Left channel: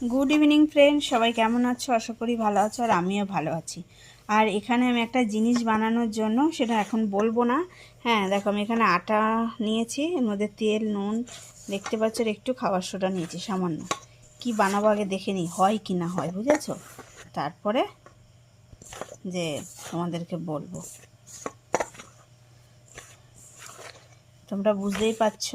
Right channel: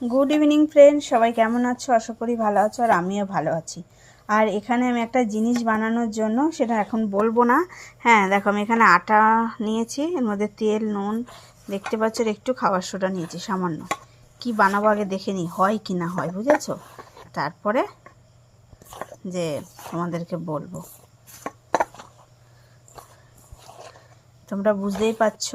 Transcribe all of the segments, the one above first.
Good evening friend সবাই কেমন আছো? আশা করি ভালো আছো আর আমিও ভালো আছি। আর এখানে আমি একটা জিনিস বানানোর জন্য, সেটা এখন বলব না। হ্যাঁ দেখো, আমি এখানে আটা নিয়েছি, এর মধ্যে তেল, নুন, দেখতে পাচ্ছ একটু খাবার সোডা নিয়েছি, সামান্য। কি বানাবো আগে দেখে নিই, হয় কি না হয়, বুঝেছ? তারপরে যে তোমাদেরকে বলব। তোমরা বুঝতেই পারছ।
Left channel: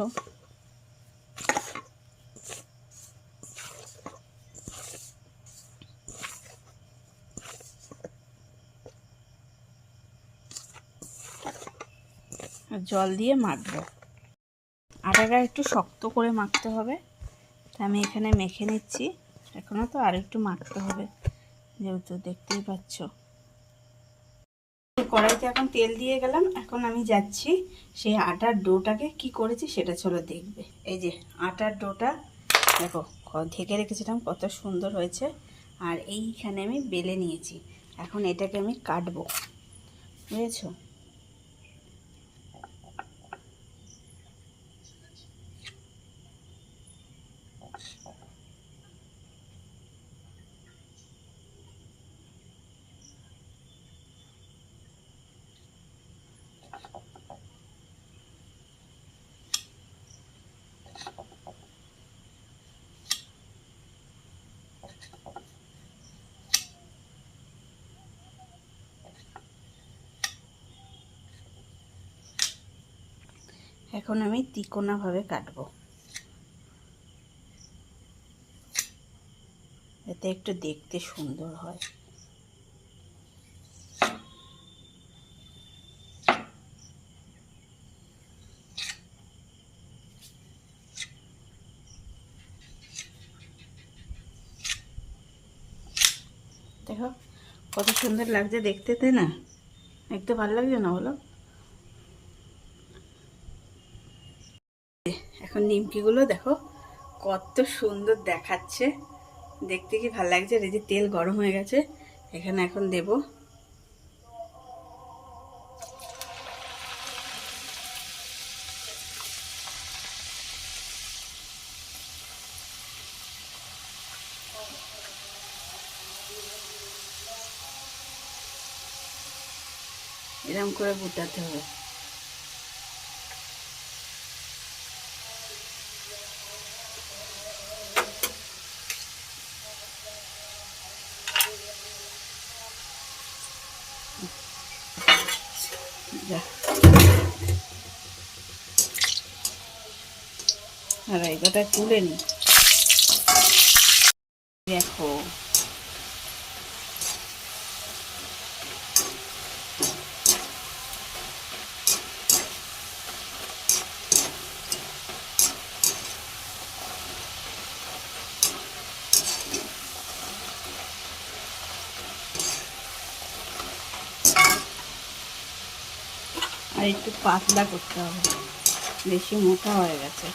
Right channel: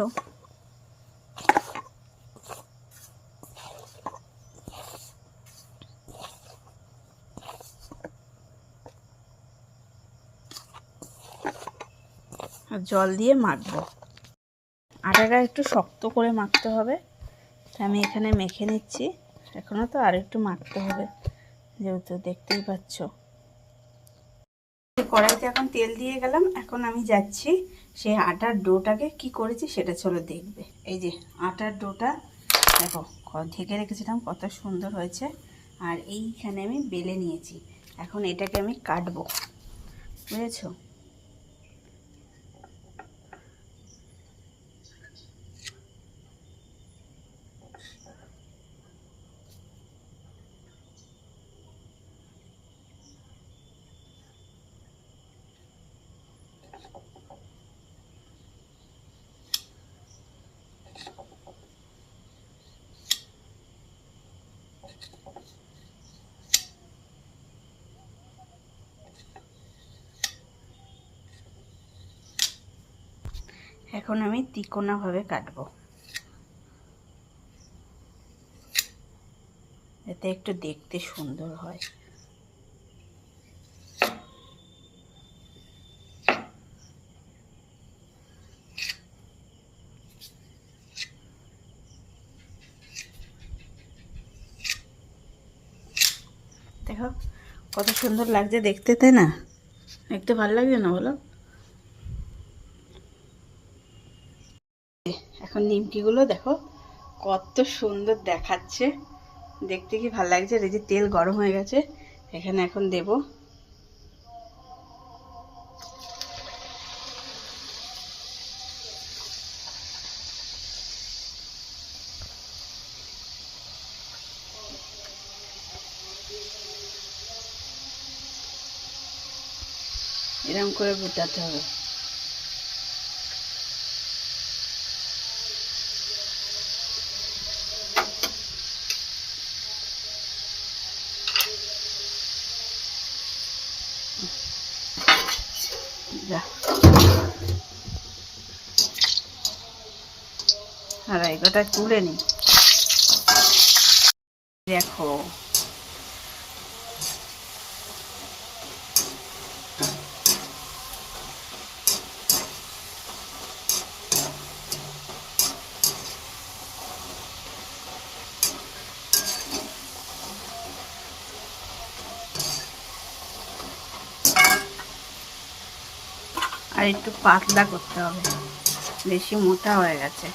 জল দিয়ে মাখবো। আটাটা একটু শক্ত করে মাখতে হবে। আমি এখানে মেখে নিচ্ছি। এখনও তো আর একটু মাখতে হবে, যেহেতু দেখতেই পাচ্ছ। কড়াইতে এখন তেল দিয়ে গেলাম। এখন আমি যাচ্ছি সেই আটার ডোটাকে কি করেছি সেটা চলো দেখবে। এই যে আটার ডোটা, দেখো ঢেকে রেখেছিলাম, কত সুন্দর হয়েছে। আর এইখানে আমি বেলে নিয়েছি। এখন এটাকে আমি কাটবো। বুঝেছ? এখন আমি তিকোনাভাবে কাটবো। এতে একটু দেখতে সুন্দর হয়। দেখো, কত সুন্দর লাগছে দেখতে, তাই না? দেখতে ভালো লাগছে না বলো? এখন নিমকিগুলো দেখো, কত সুন্দর দেখাচ্ছে। দেখতে কি ভালো লাগছে? এই যে তেল গরম হয়ে গেছে, এখানে এখন দেব। এরকম করে গুটাতে হবে। যা। আর এই তুলে নিই দেখো। আর একটু পাতলা করতে হবে। বেশি মোটা হয়ে গেছে।